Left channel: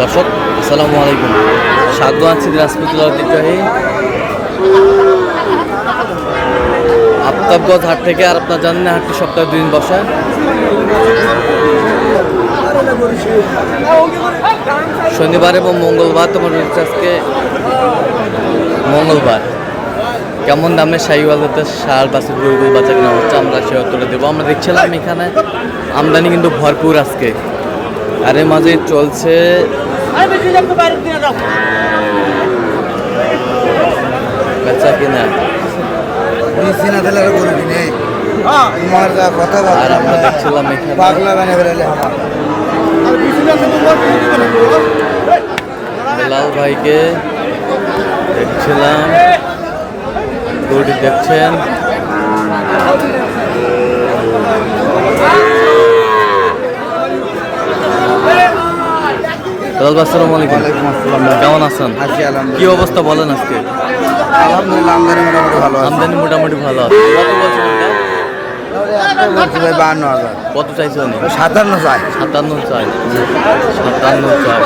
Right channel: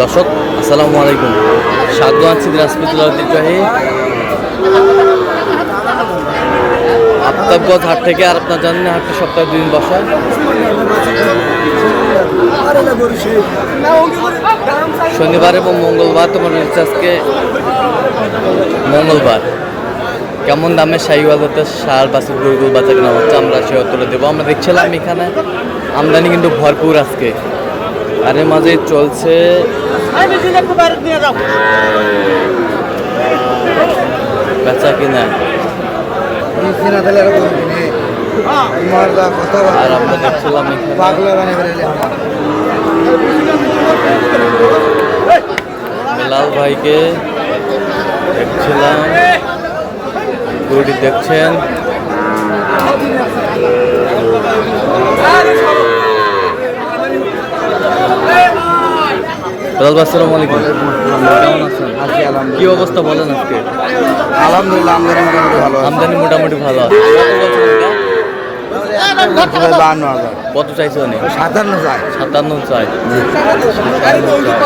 দর্শক আসসালামু আলাইকুম, স্বাগত আছি দিনাজপুর ঐতিহ্যবাহী আফতাবগঞ্জ হাট থেকে। আর আপনার জানেন হাটটি সপ্তাহে 2 দিন বসে। শনিবার এবং মঙ্গলবার। তোমার রয়েছে আজকে মঙ্গলবার। কেমন দামে শাহিওয়ালতে সার বাছুর গরুগুলো বাচ্চা কেনা হচ্ছে আমরা সে তুলে দেবো। আমরা দেখছিলাম এখানে আমদানি কিন্তু ভরপুর আজকে, আর এর মাঝে চলছে বেচা কিনা। আর আমরা দেখছিলাম এখানে বেলাল ভাইকে দেখছিলাম, গরুটি দেখছেন। বেলাল ভাই আসসালামু আলাইকুম। কেমন আছেন? কি অবস্থা বলেন আজকে? আলহামদুলিল্লাহ আমদানি মোটামুটি ভালো আমদানি মোটামুটি ভালো আছে। কত বলছেন এটা? 52,000। কত চাইছে অনেক? 57 চাই। 57 চাই। 57 চাই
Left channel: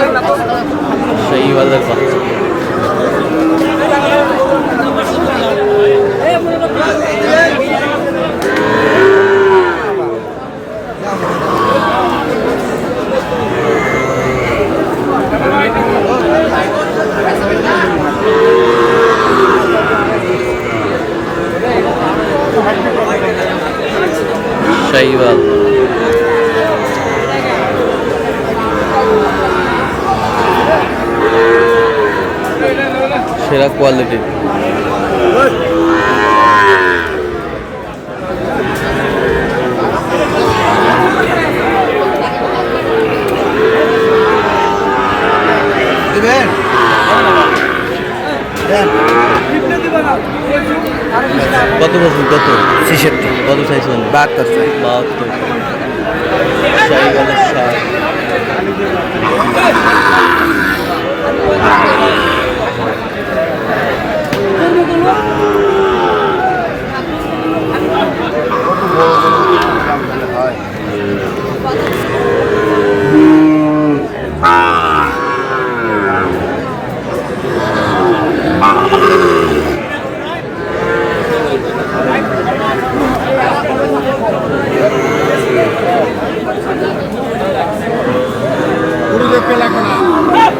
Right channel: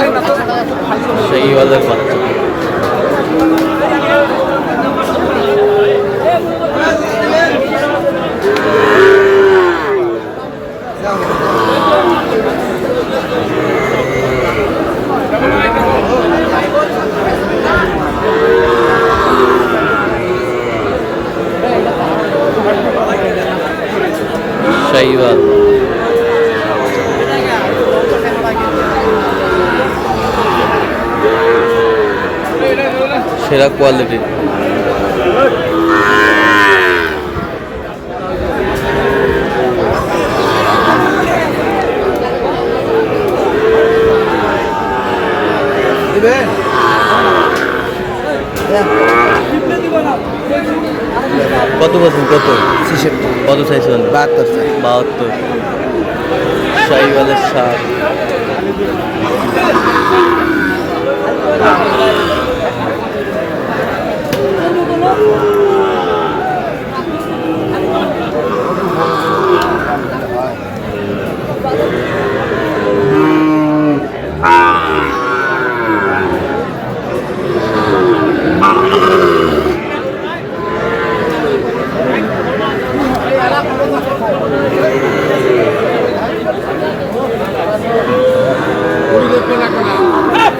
সেই ওয়ালের বাচ্চা। শাহিওয়াল সেরা কোয়ালিটির। কত বলছেন? কত? 66। কত চাইছেন? 72 চাই। 72। শাহিওয়ালের সার।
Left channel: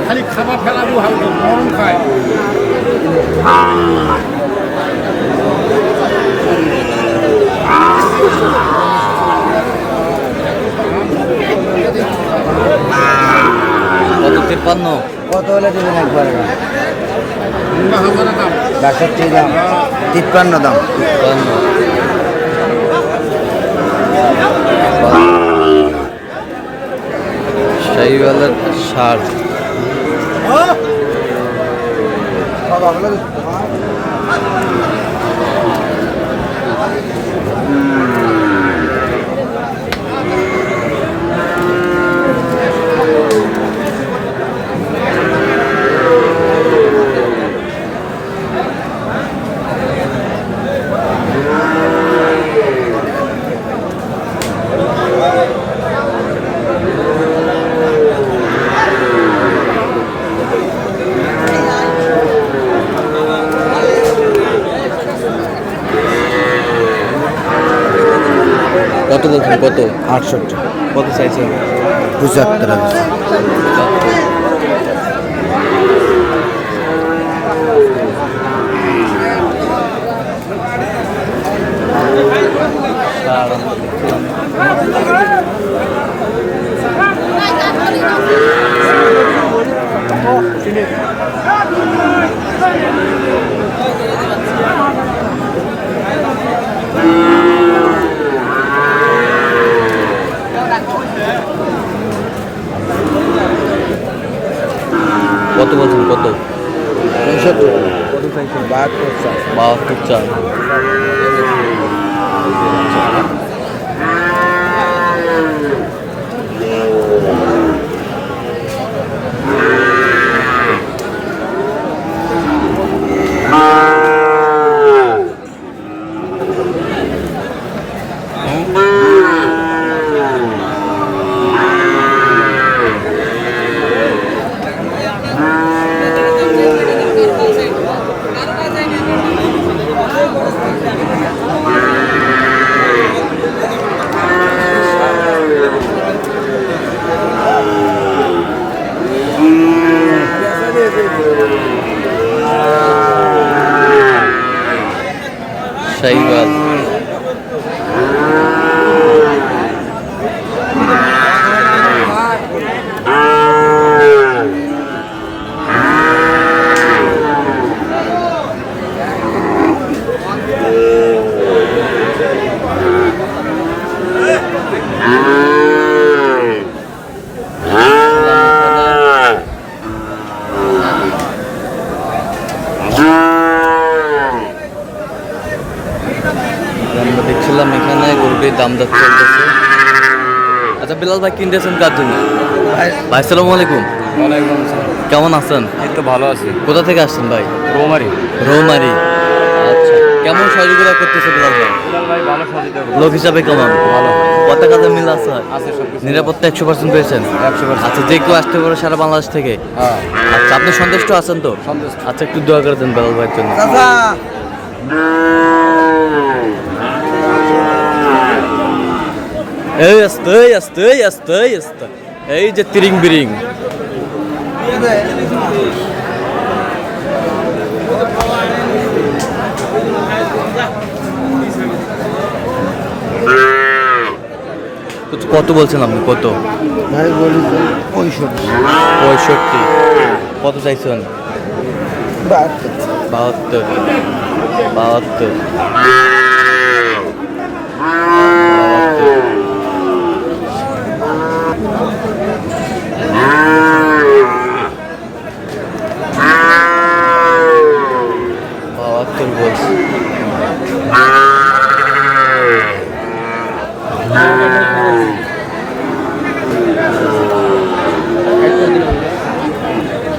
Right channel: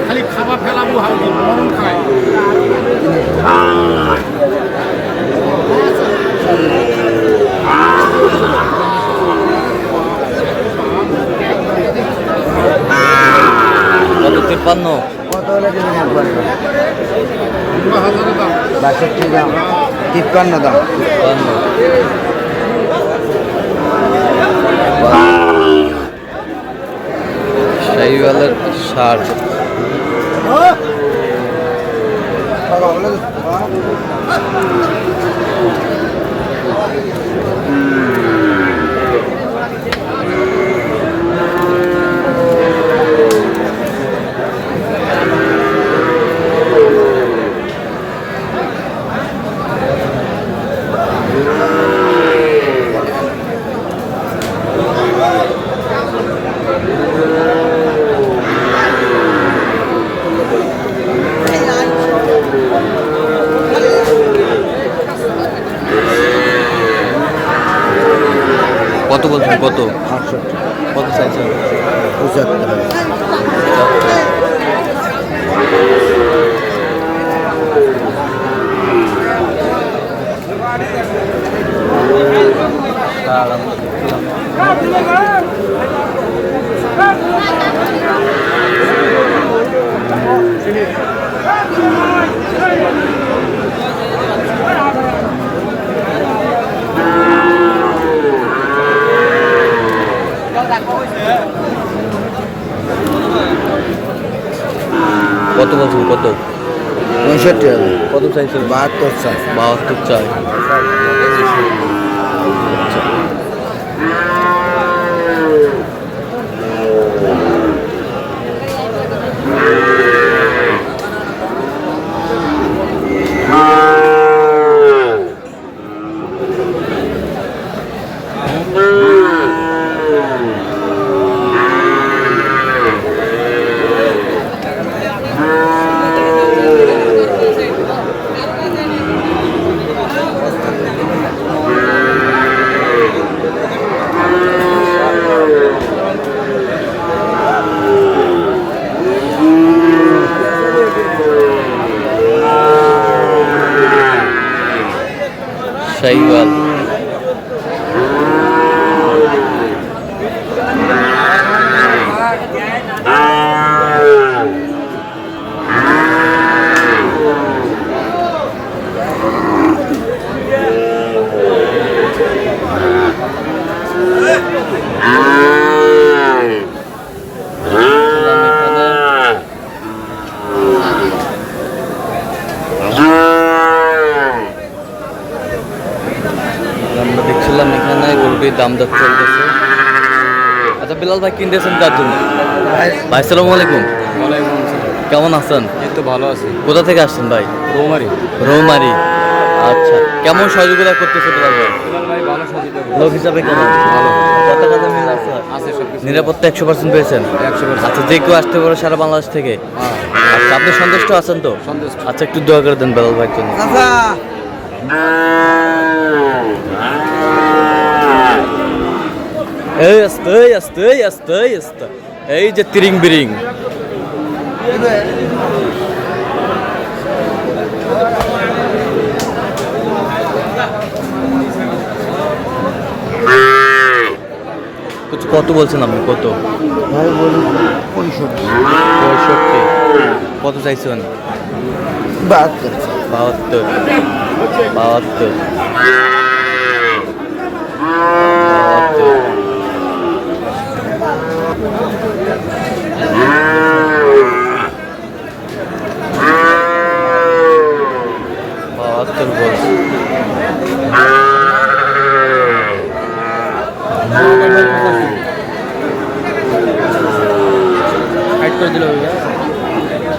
খালি খাবার ফেলাবো খায়। কত? 53। কত হলে দিবেন একবারে? 62 দাম, 53 দাম। 53। শাহিওয়ালের সার। কত বলছেন? কত? 68। কত চাইছেন? 75। সার আমরা দেখলাম। কত বলছেন? কত? 65। কত চাইছেন? 72 চাই। 72 চাই। শাহিওয়াল। আমরা দেখছিলাম এখানে গরুটির দাম দর চলতেছে। আচ্ছা বিলাল ভাই কিনতেছেন কার জন্য? ভাই আসসালামু আলাইকুম। কেমন আছেন? এই তো ভালো আছে। কোথা থেকে আসছেন ভাই? রৌমারি। রৌমারি। আচ্ছা কেমন সহযোগিতা করতেছে বিলাল ভাই? ভাই ভালো সহযোগিতা লোক হিসাবে কেমন? ভালো কত কাজে মিল আছে? আছে সব কিছু। নিরাপত্তা 100% পেয়েছেন? 100%। আচ্ছা যে কেউ আসতে পারে সারা বাংলাদেশ থেকে? হ্যাঁ আচ্ছা আপনি সন্তুষ্ট আছেন তো? সন্তুষ্ট। আচ্ছা একটু দোয়া করে দেন বিলাল ভাইয়ের জন্য। চাচা এই আস্তে আস্তে আস্তে আস্তে এই যে তিরিং বিরিং। কত বলছেন আপনি? কত? ভাই বলি 65 65। কত চাইছেন? 72 72। 72। 72 বলছি।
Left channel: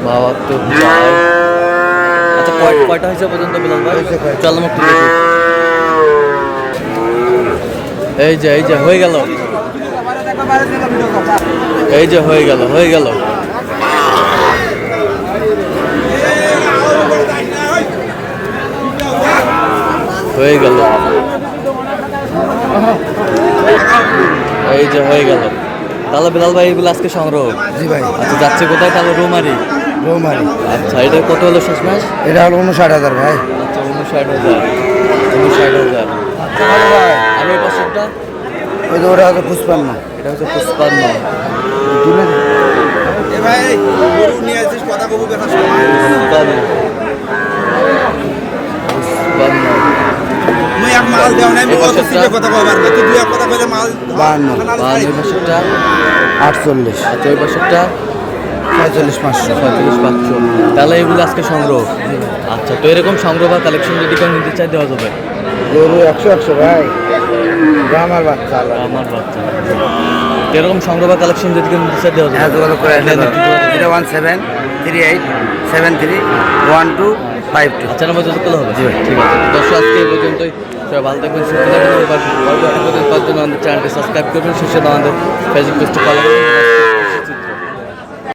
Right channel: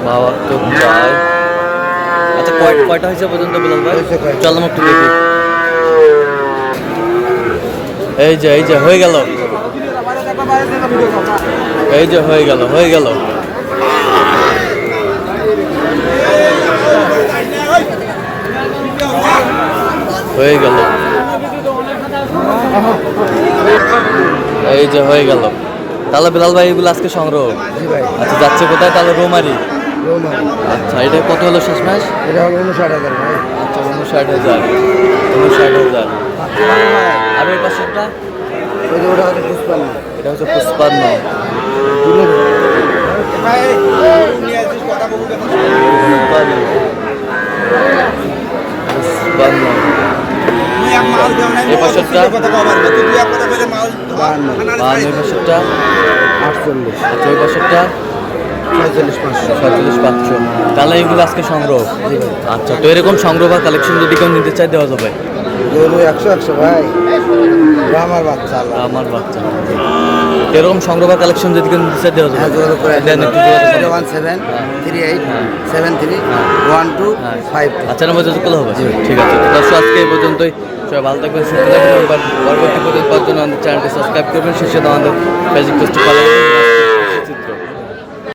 বাহাত্তর চাই। আচ্ছা কয়টা হয়েছে পর্যন্ত বিলাল ভাই? হয়েছে কয়টা? চল একটু দেখি। এই যে হয়ে গেল। এই যে হয়ে গেল হয়ে গেল। হয়ে গেল। এই যে হয়ে গেল। তাহলে বিলাল ভাই এগুলো আজকে সংগ্রহ। জি ভাই আচ্ছা যাচ্ছে কোথায়? তাহলে রৌমারি। রৌমারি। আচ্ছা এটা কত হলো শেষমেশ? এটা হলো 59,000 ভাই। আচ্ছা 59,000। 59,000। আর ওই পাশেরটা? ওই যে ওটা হচ্ছে 55। এটা হচ্ছে 55। ভাই নিয়ে আসিস কথা বলবো কথা 55। তুই এক মাল দেও নাই এই পাশেরটা? কথা কবার না তুই এক কথা কইলে মাল 52 ওই পাশেরটা? 48 আচ্ছা ওই পাশেরটা? 45,500 45,500। তাহলে এগুলো আজকে সংগ্রহ। আচ্ছা তো এরকম সংগ্রহ বা কালেকশন যদি কেউ নিতে চাই দেওয়া যাবে? গরু 100 ভাই আমার বাচ্চা আমার বাচ্চা। তো এরকম সংগ্রহ বা কালেকশন যদি কেউ নিতে চাই দেওয়া যাবে? যোগাযোগ করে দেন একটু যোগাযোগ করুন। 01738731252 আচ্ছা নাম্বার যোগাযোগ করলে হবে? ঠিক আছে দর্শক আজকে এই পর্যন্তই। সবাই ভালো থাকবেন সুস্থ থাকবেন। পরবর্তী পর্যন্ত পাওয়ার জন্য আমাদের চ্যানেলটি সাবস্ক্রাইব করবেন। শেষে আমাদের ফেসবুক পেজটি ফলো করবেন।